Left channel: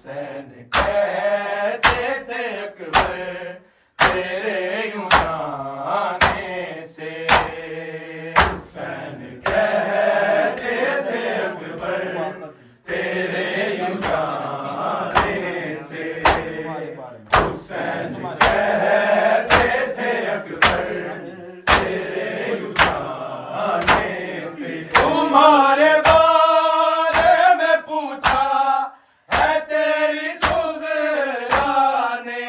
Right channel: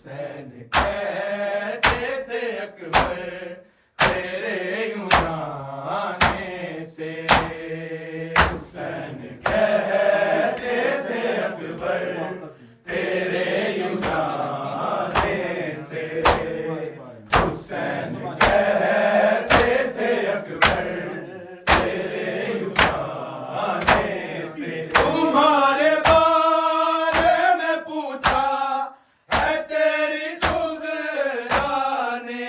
حسین کہتے تھے اکبر تیرے یوں جانے سے، حسین کہتے تھے اکبر تیرے یوں جانے سے، حسین کہتے تھے اکبر تیرے یوں جانے سے، تمہارے بارے میں پوچھا ہے تیری صغرا نے،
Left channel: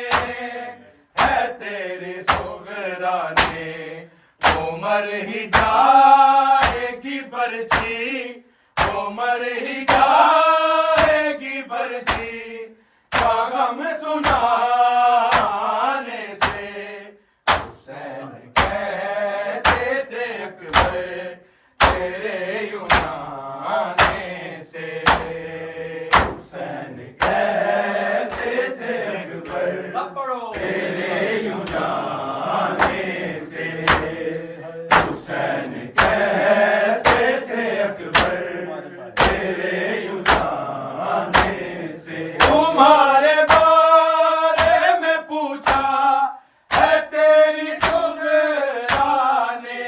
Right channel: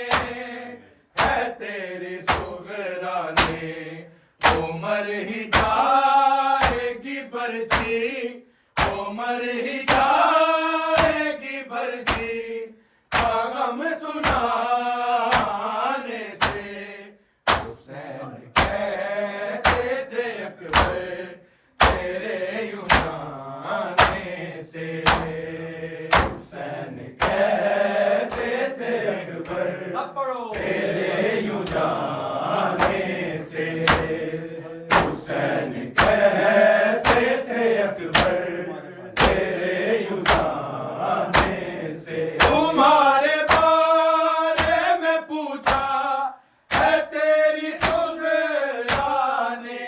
ہے تیری صغرا نے، عمر ہی جائے گی برچھی، عمر ہی جائے گی برچھی، کا غم سنانے سے، حسین کہتے تھے اکبر تیرے یوں جانے سے، حسین کہتے تھے اکبر تیرے یوں جانے سے، حسین کہتے تھے اکبر تیرے یوں جانے سے، تمہارے بارے میں پوچھا ہے تیری صغرا نے،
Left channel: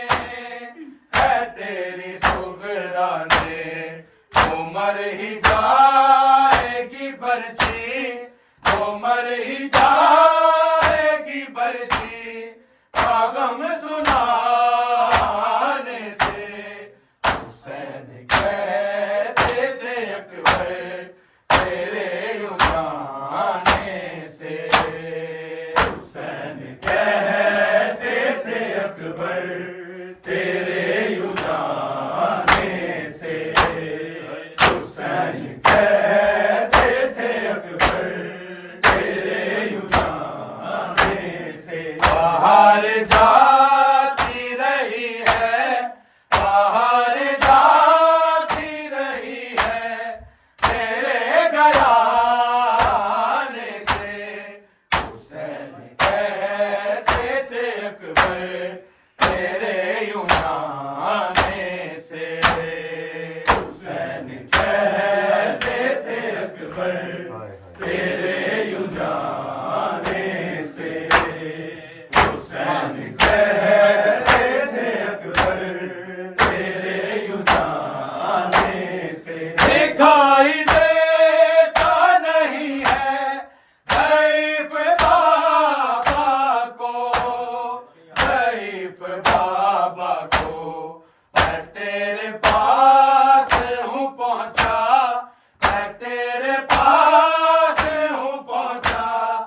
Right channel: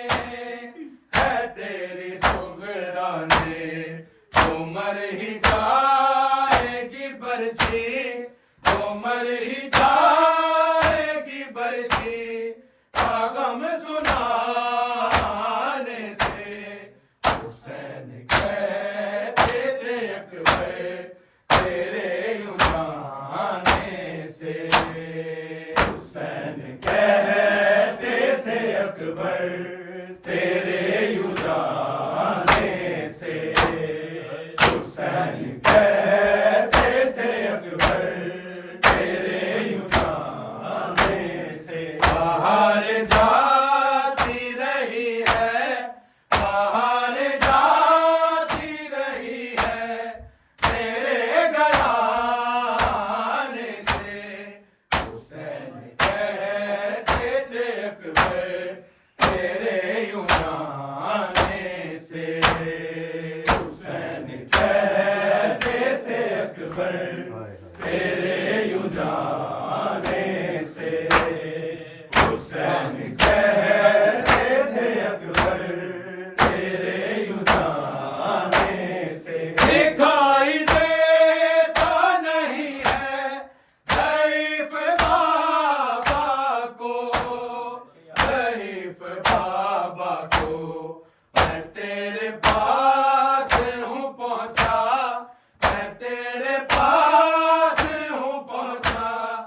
ہے تیری صغرا نے، عمر ہی جائے گی برچھی، عمر ہی جائے گی برچھی، کا غم سنانے سے، حسین کہتے تھے اکبر تیرے یوں جانے سے، حسین کہتے تھے اکبر تیرے یوں جانے سے، حسین کہتے تھے اکبر تیرے یوں جانے سے، باہر جاتی رہی ہے، باہر جاتی رہی ہے تیرے گھرانے سے، حسین کہتے تھے اکبر تیرے یوں جانے سے، حسین کہتے تھے اکبر تیرے یوں جانے سے، حسین کہتے تھے اکبر تیرے یوں جانے سے، دکھائی دیتا نہیں ہے ضعیف بابا کو، ضعیف بابا کو، میں تیرے پاس ہوں پہنچا، میں تیرے پاس ہوں پہنچا،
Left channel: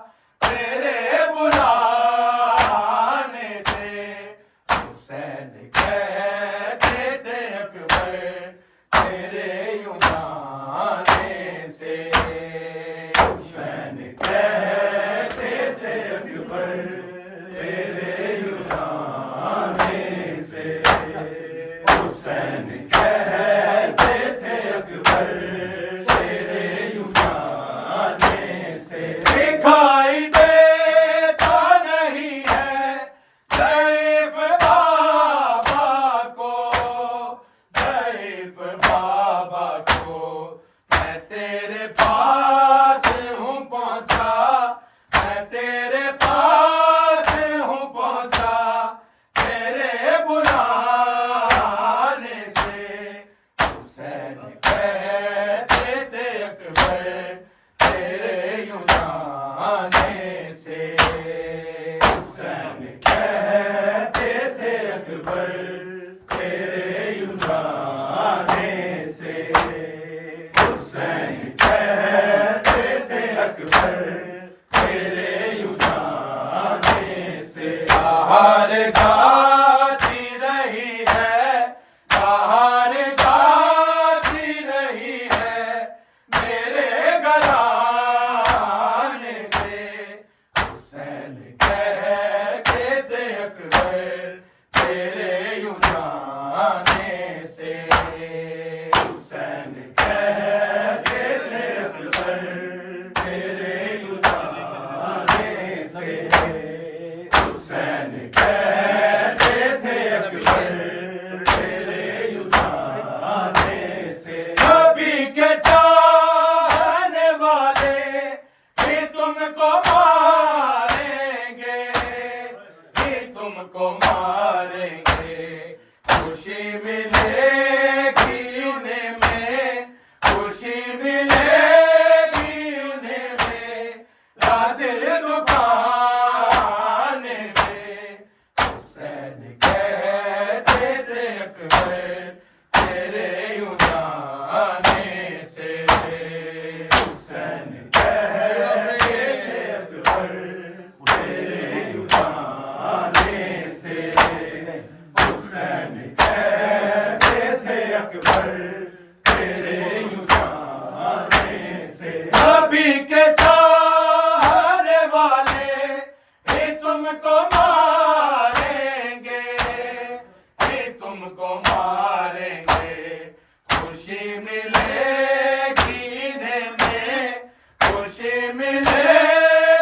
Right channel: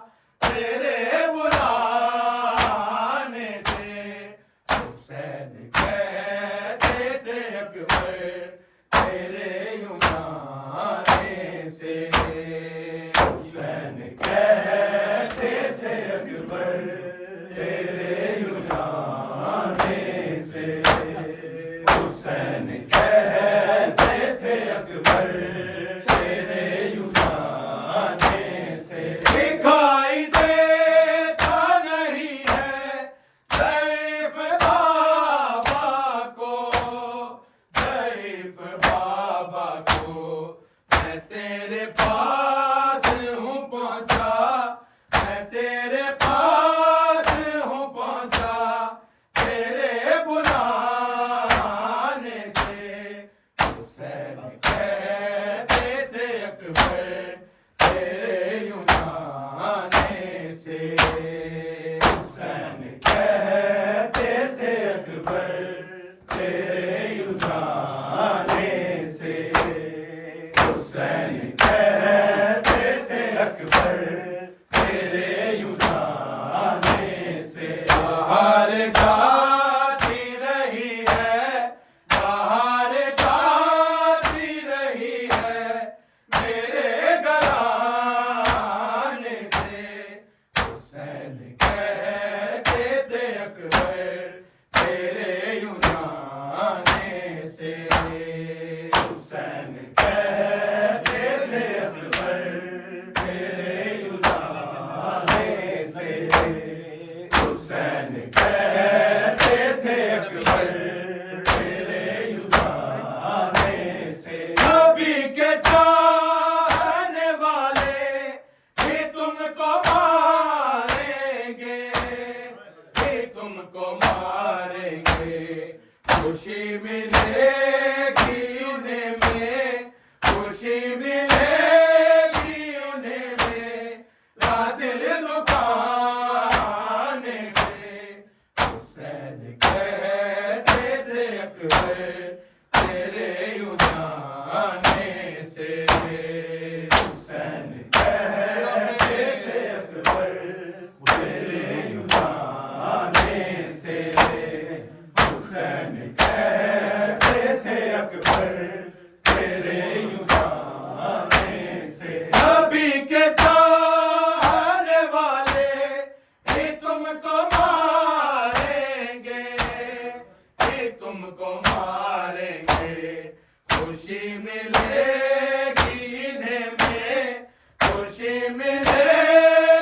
ملے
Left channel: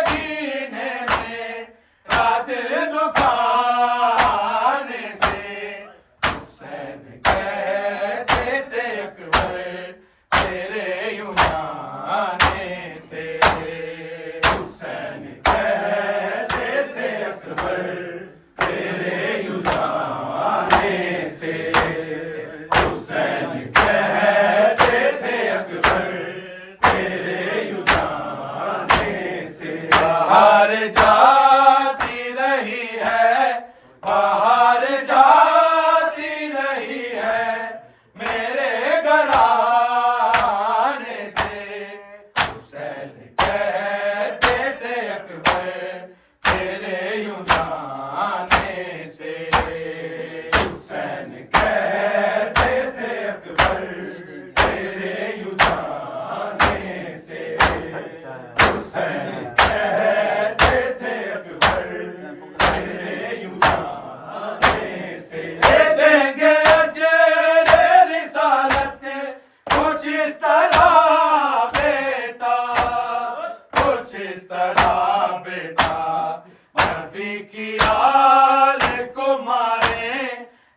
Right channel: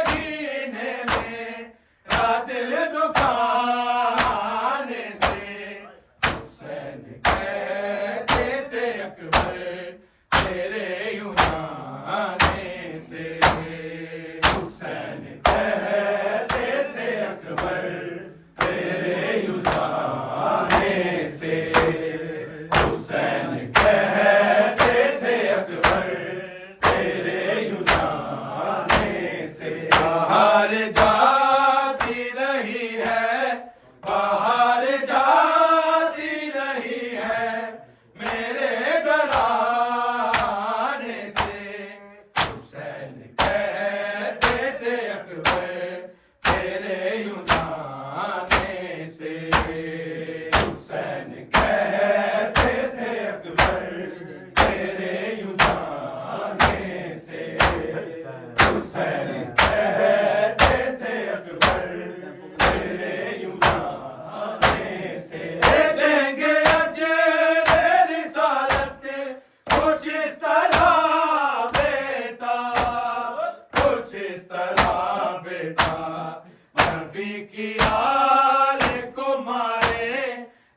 جینے میں دل دکھانے سے حسین کہتے تھے اکبر تیرے یوں جانے سے حسین کہتے تھے اکبر تیرے یوں جانے سے حسین کہتے تھے اکبر تیرے یوں جانے سے باہر جاتی رہی ہے باہر جاتی رہی ہے میرے گھرانے سے حسین کہتے تھے اکبر تیرے یوں جانے سے حسین کہتے تھے اکبر تیرے یوں جانے سے حسین کہتے تھے اکبر تیرے یوں جانے سے دے دیں گے اجر رسالت کچھ اس طرح بیٹا کچھ اس طرح بیٹا نبی کی آل کو مارے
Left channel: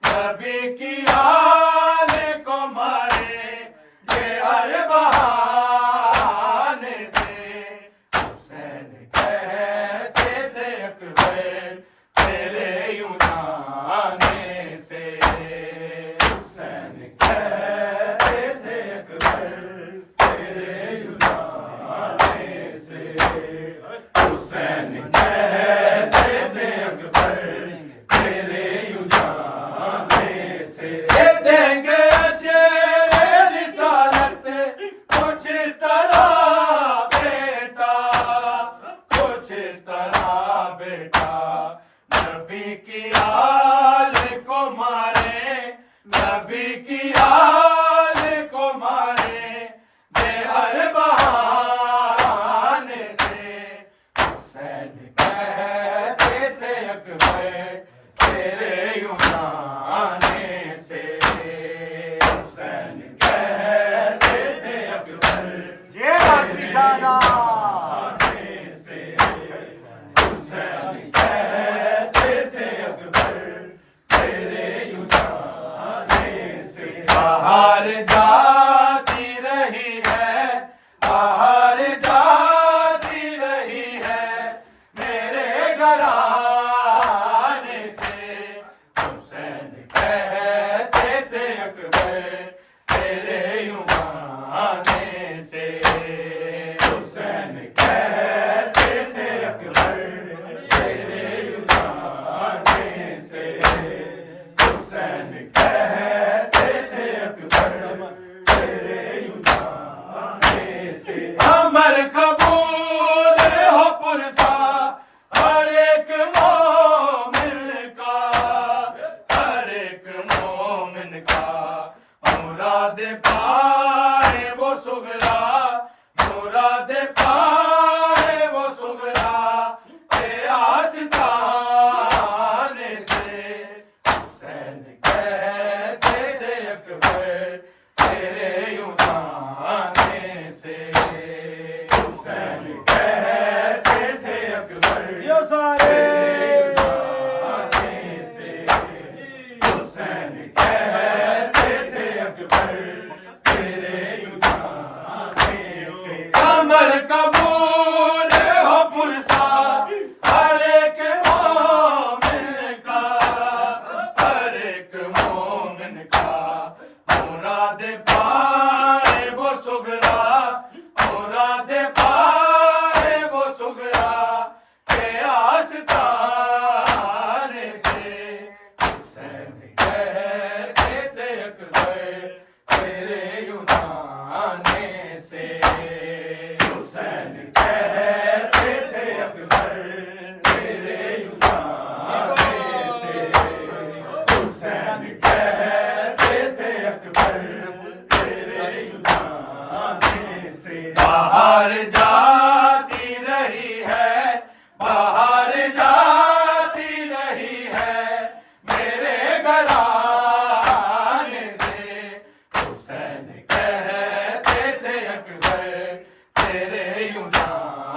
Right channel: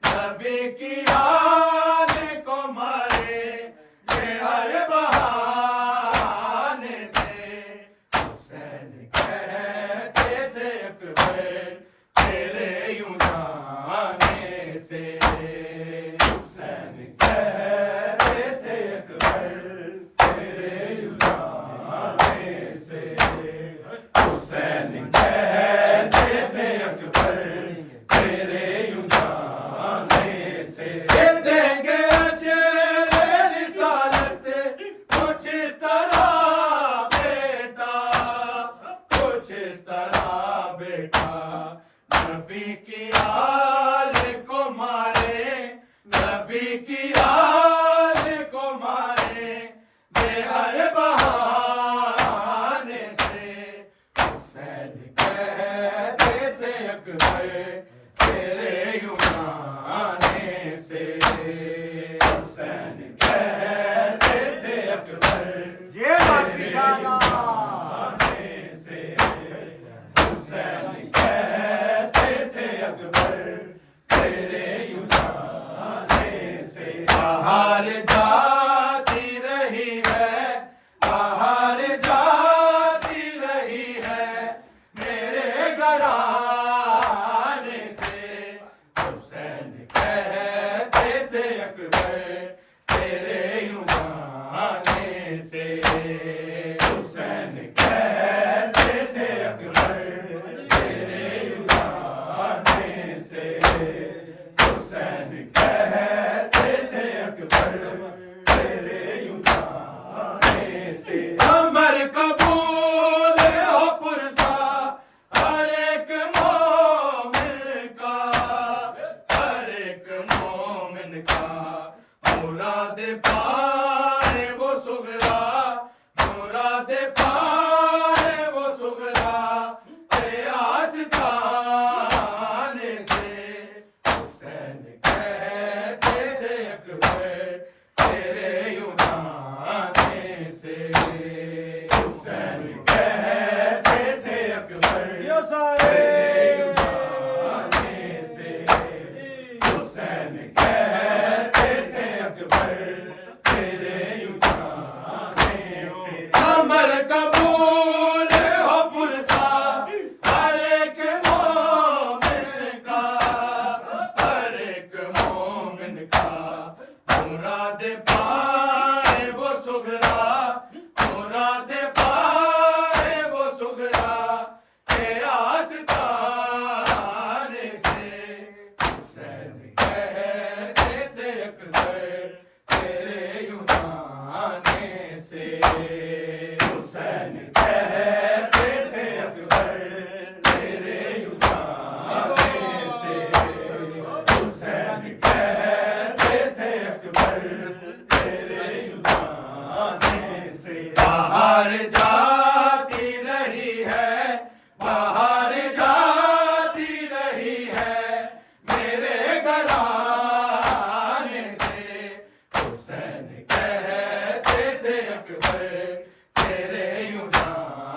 نبی کی آل کو مارے یہ ہر بہانے سے حسین کہتے تھے اکبر تیرے یوں جانے سے حسین کہتے تھے اکبر تیرے یوں جانے سے حسین کہتے تھے اکبر تیرے یوں جانے سے دے دیں گے اجر رسالت کچھ اس طرح بیٹا کچھ اس طرح بیٹا نبی کی آل کو مارے نبی کی آل کو مارے بے ہر بہانے سے حسین کہتے تھے اکبر تیرے یوں جانے سے حسین کہتے تھے اکبر تیرے یوں جانے سے حسین کہتے تھے اکبر تیرے یوں جانے سے باہر جاتی رہی ہے باہر جاتی رہی ہے میرے گھرانے سے حسین کہتے تھے اکبر تیرے یوں جانے سے حسین کہتے تھے اکبر تیرے یوں جانے سے حسین کہتے تھے اکبر تیرے یوں جانے سے امر قبول ہو پرسا ہر ایک مومن کا ہر ایک مومن کا مراد پائے وہ سغرا مراد پائے وہ سغرا اے آستانے سے حسین کہتے تھے اکبر تیرے یوں جانے سے حسین کہتے تھے اکبر تیرے یوں جانے سے حسین کہتے تھے اکبر تیرے یوں جانے سے امر قبول ہو پرسا ہر ایک مومن کا ہر ایک مومن کا مراد پائے وہ سغرا مراد پائے وہ سغرا کے آستانے سے حسین کہتے تھے اکبر تیرے یوں جانے سے حسین کہتے تھے اکبر تیرے یوں جانے سے حسین کہتے تھے اکبر تیرے یوں جانے سے باہر جاتی رہی ہے باہر جاتی رہی ہے میرے گھرانے سے حسین کہتے تھے اکبر تیرے یوں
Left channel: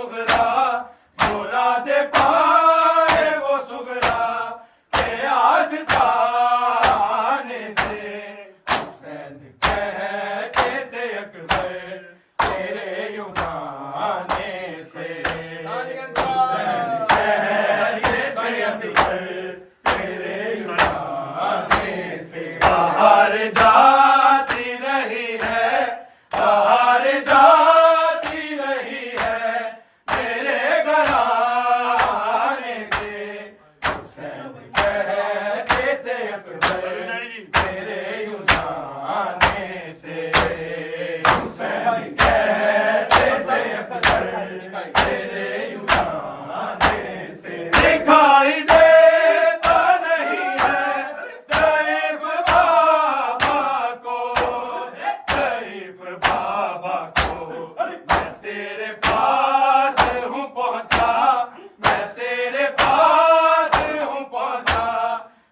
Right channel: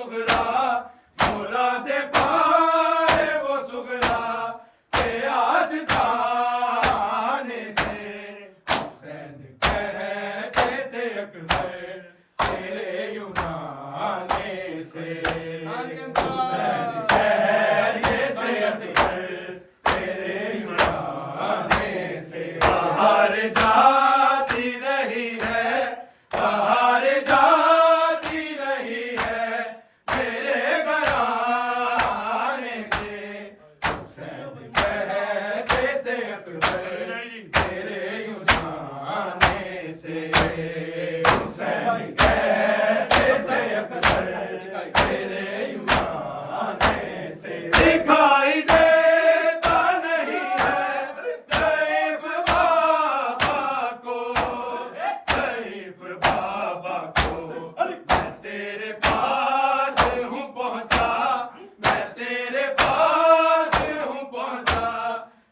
سغرا مراد پائے وہ سغرا کے آستانے سے حسین کہتے تھے اکبر تیرے یمانے سے حسین کہتے تھے اکبر تیرے یمانے سے باہر جاتی رہی ہے باہر جاتی رہی ہے میرے گھرانے سے حسین کہتے تھے اکبر تیرے یمانے سے حسین کہتے تھے اکبر تیرے یمانے سے دکھائی دیتا نہیں ہے ضعیف بابا کو ضعیف بابا کو میں تیرے پاس ہوں پہنچا میں تیرے پاس ہوں پہنچا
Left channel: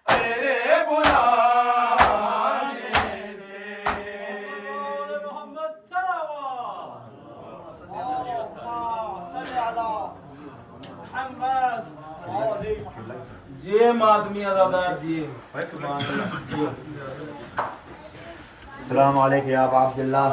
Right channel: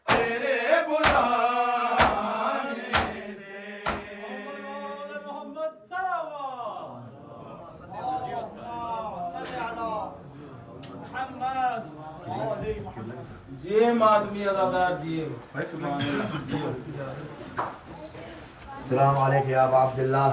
تیرے بلانے سے محمد صلوات صلی علی محمد جی مادمی ازادار جی سبحان اللہ السلام علیکم یا ابا عبداللہ